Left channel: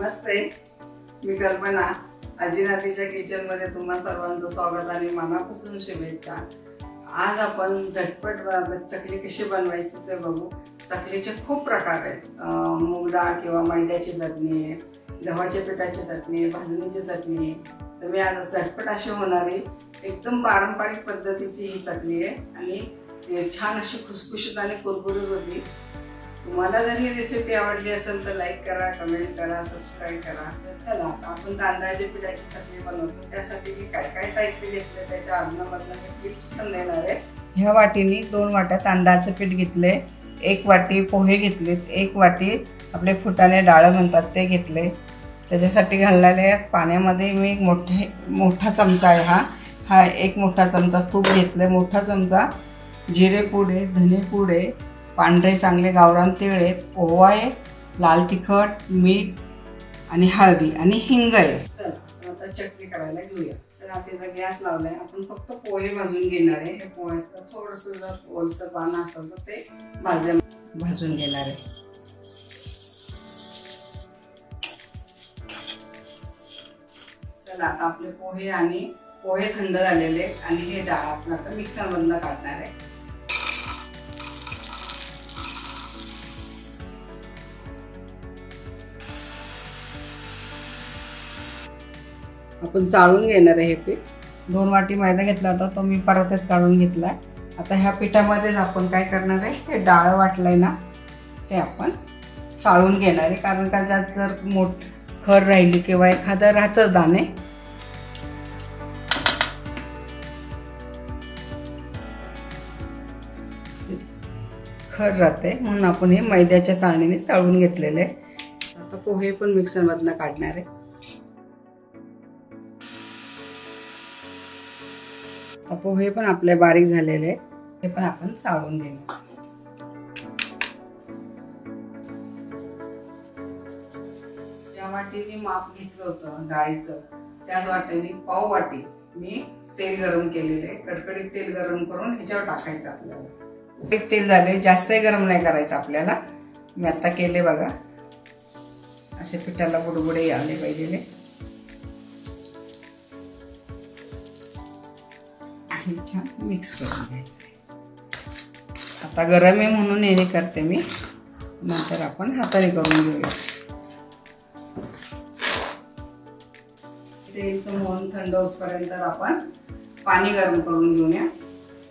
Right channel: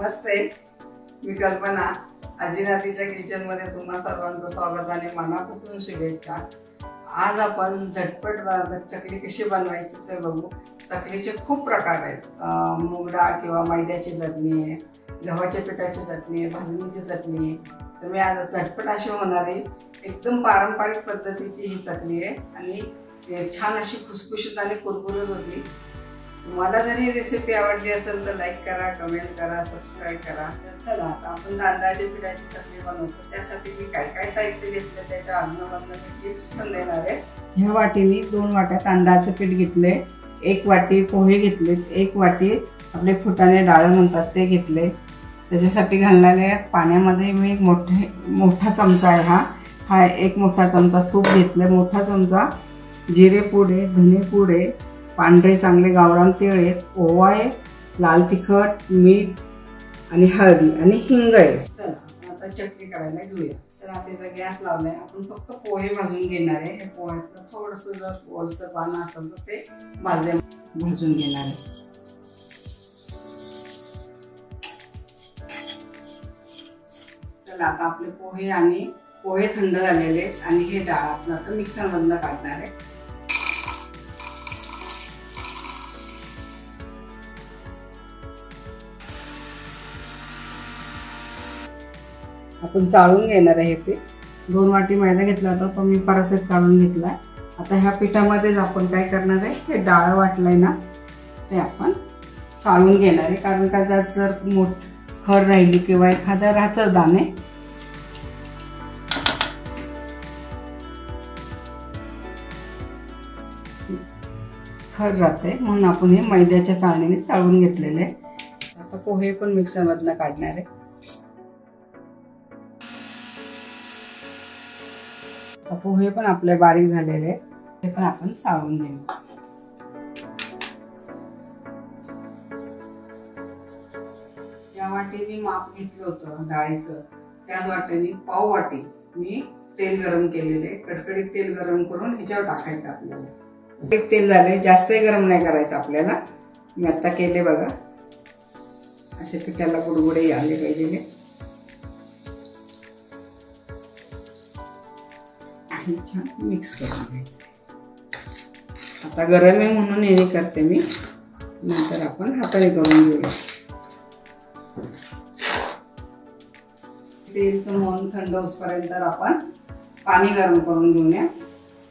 नमस्ते, मी कल्पना. अजिनातीच्या किचन मध्ये तुम्हा सर्वांचं स्वागत आणि मनापासून शुभेच्छा. आज आपण झटपट चकली कशी बनवायची ते बघू. चकलीचे खूप प्रकार आहेत. मूग डाळ किंवा मैद्याची चटणी आहे, गव्हाच्या पिठाची चटणी आहे, भाजणीची चटणी आहे. तर मी आज झटपट अशी होणारी एकदम पारंपरिक पद्धतीची ही चकली आहे आणि छान अशी खुसखुशीत आणि कुरकुरीत होती. तुम्हाला जर ही रेसिपी आवडली असेल तर लाईक करा, कमेंट करा, सबस्क्राईब करा. चला आता आपण तांदळाच्या पिठाची चटणी बनवतो. त्यासाठी मी काय काय साहित्य घेतले त्याच्या अदनामधनं मी टिप्स पण देणार आहे. ह्या वाटीने 2 वाट्या तांदळाचं पीठ घेतले, 1 वाटी पोहे घेतलेत, 1 वाटी आपले फुटाणे डाळ म्हणतात ते घेतले. त्याच्यासाठी घाललेल्या पाण्यामध्ये मी एक मोठा चमचा आहे हा 1 मोठा चमचा तूप घेतलं, मोठा चमचा जिरे पूड आहे, धने पूड आहे, पांढरे चांगले गावरान तीळ आहे, ओवा आहे, लाल तिखट, मीठ आणि हळदी आणि हिंग आहे. चला आता चटणी करायला घेऊया. चला आता गॅस लावलाय. आपण फक्त पोहे भाजून घेणार आहे. हे पोह्यातलं थोडंसं जर ओलसर पानं असेल तर ते भाजून घेणार आहे. चला आता आपले पोहे थंड झालेले आहेत आणि हे डाळ आपण आता मिक्सर मधनं काढणार आहे. आपण चाळून घेणार आहे हे पीठ. 2 वाटी मैदा घेतला होता तो मी परत काढून घेतला. आता ह्या पिठामध्येच आपण काय करणार आहे, हे डाळ वाटलंय ना ते आपण चाळून घेणार आहे. कारण का त्यात जर खर राहिली किंवा एखादं राहतं दाणे खर राहते, म्हणून आपण हे मैद्याच्या चाळणीने चाळून घेतलेले. आता पोहे पण मिक्सर मधनं काढणार आहे. पोहे पण आपले बारीक झालेले ते पण आपण चाळून घेऊ. ज्या वाटीने माप घेतलं होतं डाळीचं त्याच वाटीने पाव वाटी मी तेल गरम केलेले. कडकडीत तेल गरम करून ह्याच्यावर टाकायचं आपल्याला. एक तेल झाले, जास्त गरम नाही करायचं आपल्याला. मी आता केले बघा, असे पिठाला बुडबुडे आले पाहिजे. छान मिक्स करून घ्यायचं. आता गरम आहे म्हणून याने करते मी, नंतर आपण हाताने करून घेऊया. तेलचं मोहन थंड होईपर्यंत आपण पाणी गरम करून घेऊया.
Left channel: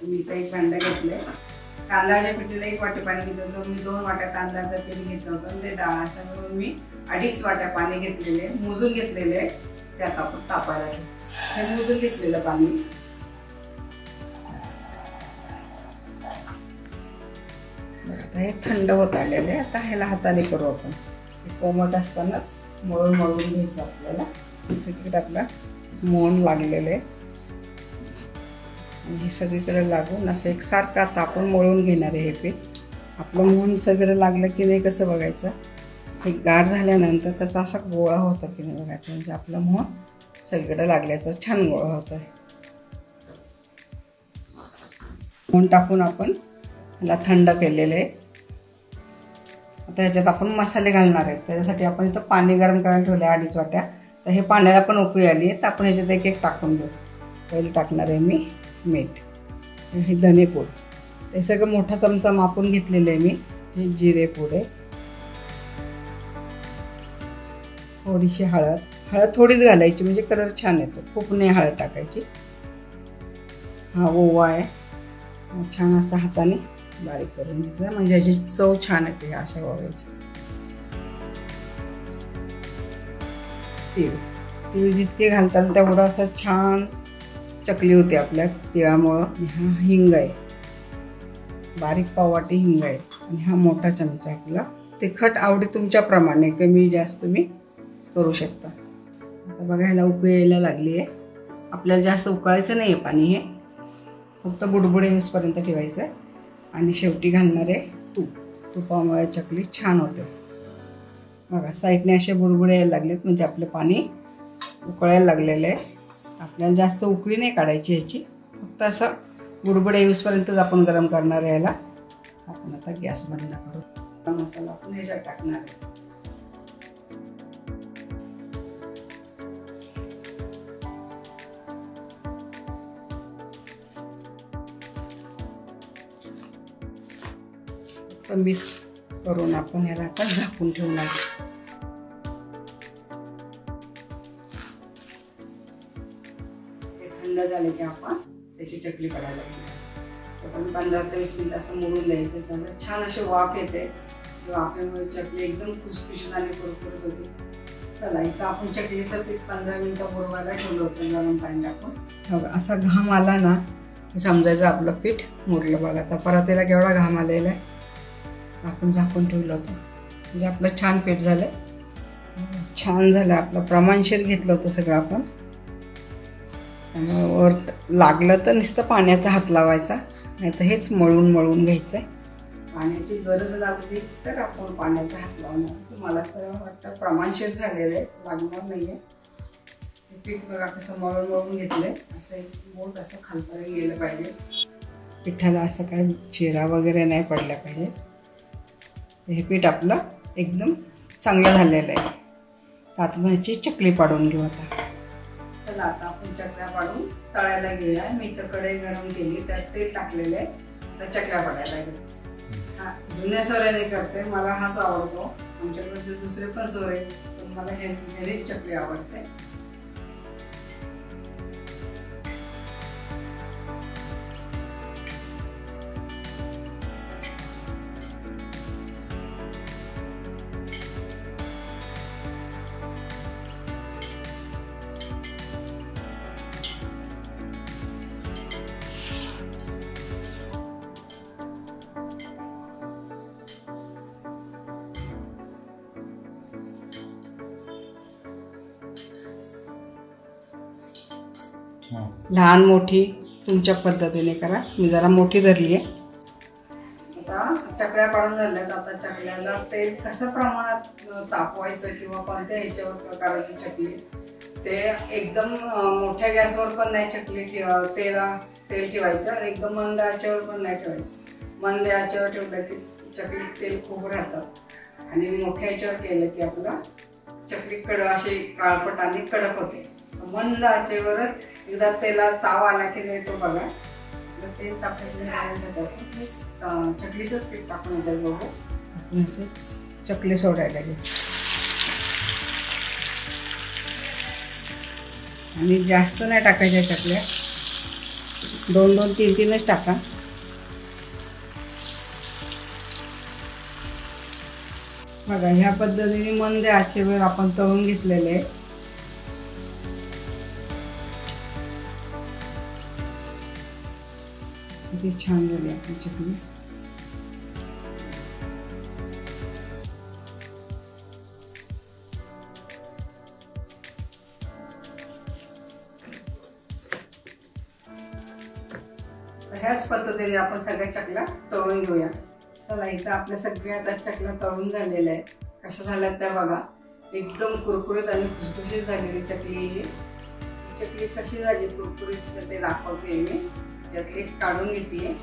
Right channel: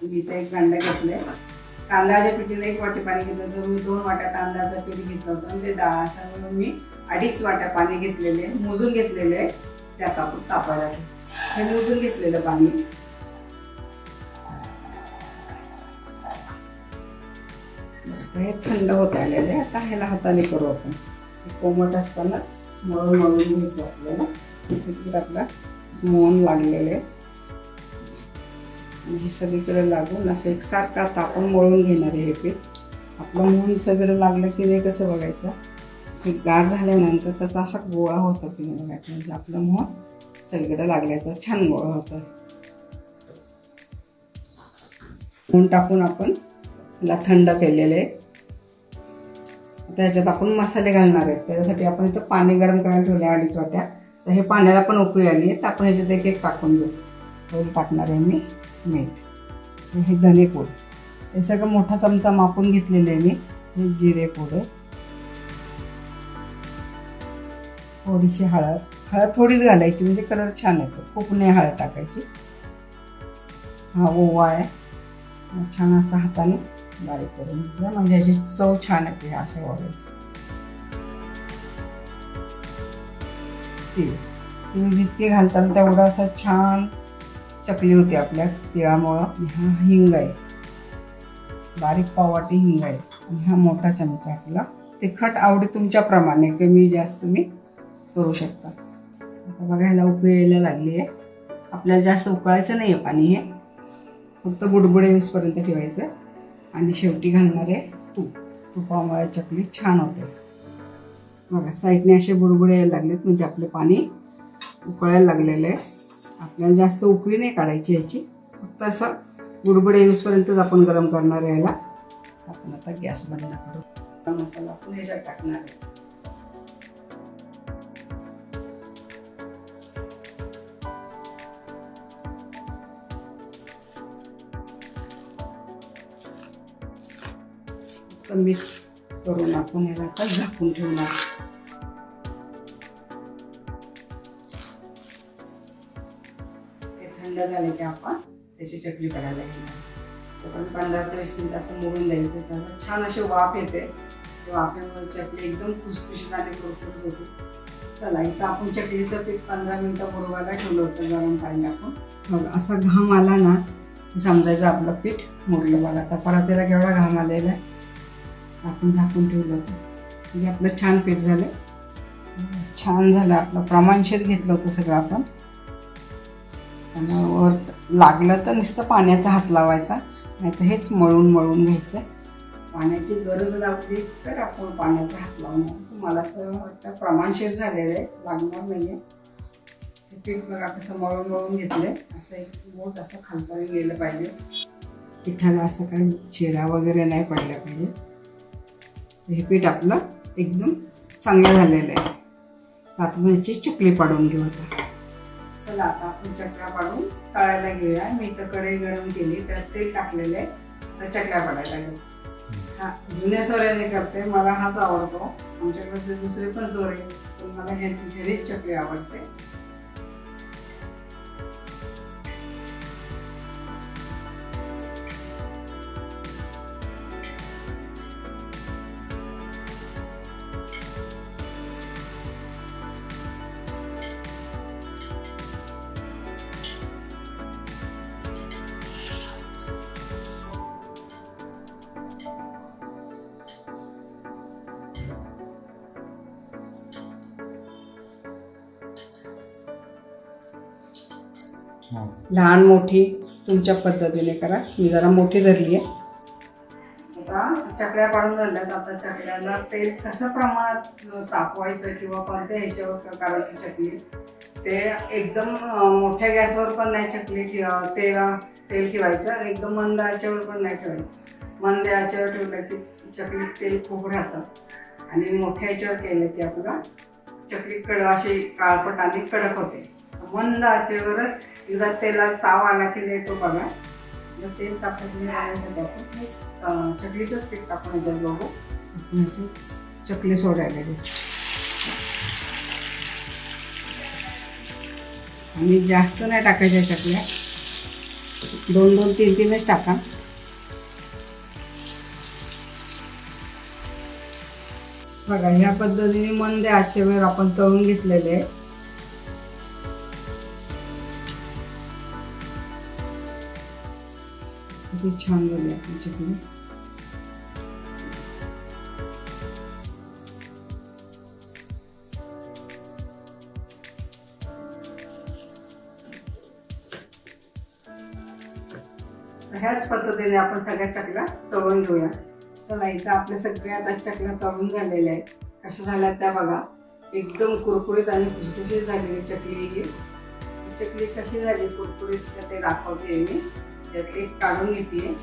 मी तर 1 भांडं घेतले. तांदळाच्या पिठीला 1 वाटी पाणी घेतलं होतं. मी 2 वाट्या तांदळाचं पीठ घेतलं होतं आणि ते डाळासह मी 2.5 वाट्या पाणी घेतलेले, मोजून घेतलेले. त्यात आपण तापायला हे मोजून घेतलेलं पाणी. हे थंड होत आलेले. आता ह्याला हाताने करू आपण. कोमट असतानाच मळून घ्यायचं आपल्याला. सगळीकडे आपला मोहन लागलेले आणि हे सगळीकडे लागून असं एकसारखं आता आपण मळून घेणार आहे. हे पीठ आपलं मोहन सगळं लागलं की नाही कसं बघायचं, हे गार झाल्यानंतर त्याचा असा गोळा होतो की नाही बघायचं. म्हणजे आपलं मोहन सगळीकडे लागल्याचं छान गोळा होतोय. मोहन टाकून आपण ह्याला थंड केलेले. आता ह्याच्यात आपण मसाले घालणार आहेत. त्याच्यासाठी आपण इथं पाणी गरम करायला ठेवले 2.5 वाट्या. तर हे पाण्याला पण उकळी आली आहे तर आपण ह्याच्यात एक टाकून देऊ. पहिले टाकणार आहे मी मीठ, हे धने पूड, ते सगळं मोठा चमचा मापून घेतलेले आहे मी. हे जिरे पूड आहे, थोडीशी हळद थोडीच घालायची म्हणजे कलर छान येतो, खूप नाही हळद टाकायची. हा ओवा आहे, छान असं हाताने बारीक करून घ्यायचं म्हणजे याची चव छान येते. अशा ओव्याची तीळ जितके घालतात तेवढं असं छान चकली होते आपल्या तिळामुळं. हा हिंग आहे, बारीक पाव वाटी हिंग आहे आणि हा मोठा चमचा आपला. तिखट आवडी तुमच्या प्रमाणे कमी जास्त तुम्ही करू शकता. आता बघा ह्याला उकळी यायला लागली आहे. आपल्याला जास्त उकळायचं नाही आहे पाणी, हे फक्त बुडबुडे येईपर्यंत ठेवायचं आणि शेवटी घालणार आहे तूप. तुपामुळे चकली छान होते. बघा साईडने असे बुडबुडे यायला लागलेत म्हणजे आपले पाणी उकळायला लागलेलं आहे. आपल्याला जास्त उकळी नाही काढायची ह्याची, फक्त असं बुडबुडे येईपर्यंतच आपण गरम करणार आहे याला. आपण आता गॅस बंद करू. मसाला आपण ह्याच्यात टाकणार आहे. मस्त मिक्स करून आपण याला आता झाकून ठेवणार. ते थंड झाले की आपण त्याची चकली करायला घेणार. आपण 15 ते 20 मिनिट असं मोडून द्यायचं. त्याला छान अशी वाफ येते. वाफेमुळे चकली एकदम खुसखुशीत आणि कुरकुरीत होती. चला इथं आपण चकलीचं पीठ 15 मिनिटं मुरवायला ठेवलं होतं गरम पाणी टाकून. बघा असा घाम आला ना हे समजायचं आपलं पीठ मुरलं. बघा आता परत त्याला केवढा घाम आलेला आहे. आपण झाकून ठेवलं होतं म्हणजे आपलं छान पीठ झालं. छान झालं आपलं. प्रमाणशीर घेतलं होतं सगळं आपण. त्यामुळे वर लागलं तर नुसतं पाण्याचा हात लावायचा, नाही तर हेच मळून मळून घ्यायचं आहे. पाण्याची गरज लागली तर आपण पाण्याचा हात लावणार. मला असं वाटतं प्रमाणशीर झालेलं आहे, लागणार नाही आहे. हे पीठ बघा कसं मळून मळून घेतलं. असं एक बोट असं खालपर्यंत गेलं पाहिजे. पिठाला असं काही चिरा वगैरे नाही पडला पाहिजे. हे पीठ आपलं एकदम चांगलं झालेलं आहे. तर आपण याची चकली पाडून घेऊ आता. चला आता आपण चकल्या पाडून तळायला घेऊया. मी इथं कढई गरम केली, त्यात तेल टाकलेलं आहे. आता चकल्या पाडायला घेऊ. हा जुन्या सोऱ्याने करते, मला हाच आवडतो. आमच्याकडे दुसरे पण सोरे, पण मला घरी चकली आवडते. लहान मोठी तुमच्या पद्धतीने करा. मी जरा मोठी धरली आहे. आता चकल्या पाडून झाल्यात. आता चकल्याला तेल कसं प्रमाणात तापवायचं किंवा कोणत्या ह्याच्यावर काढायची चकली ते एकदम मोठ्या गॅसवर पण नाही चकली तेल ठेवायचं आणि एकदम मंद आचेवर पण नाही ठेवायचं. मंद आचेवर ठेवलं की चकली तेल खूप राहतं आणि मोठ्या ह्याच्यावर केलं की आपला चकली अशी काळपट आणि कडक होते. मंद आचेवरच एकदा तेलात ताव आला की नाही तो बघा. तेल टाकायचं आपण चकलीचंच पीठ टाकून याच्यात बघू. आपण चकली सोडायला घेऊ आणि जास्त नाही टाकायच्या चकल्या. 2-2, 3-3च टाका. बघा ह्या पद्धतीने मंद आचेवर आपण तळून घेतलेले आहे. किती छान झाली आपली चकली. ह्याच पद्धतीने आपण सगळ्या चकल्या तळून घेऊया. चला इथं आपल्या सगळ्या आता चकल्या तळून झालेल्या आहेत. कशा झाल्यात त्या बघा. एकदम कुरकुरीत आणि खुसखुशीत झालेली चकली. ही चकली कशी झाली कुरकुरीत ते दाखवते मी. यातली काढून घेतली.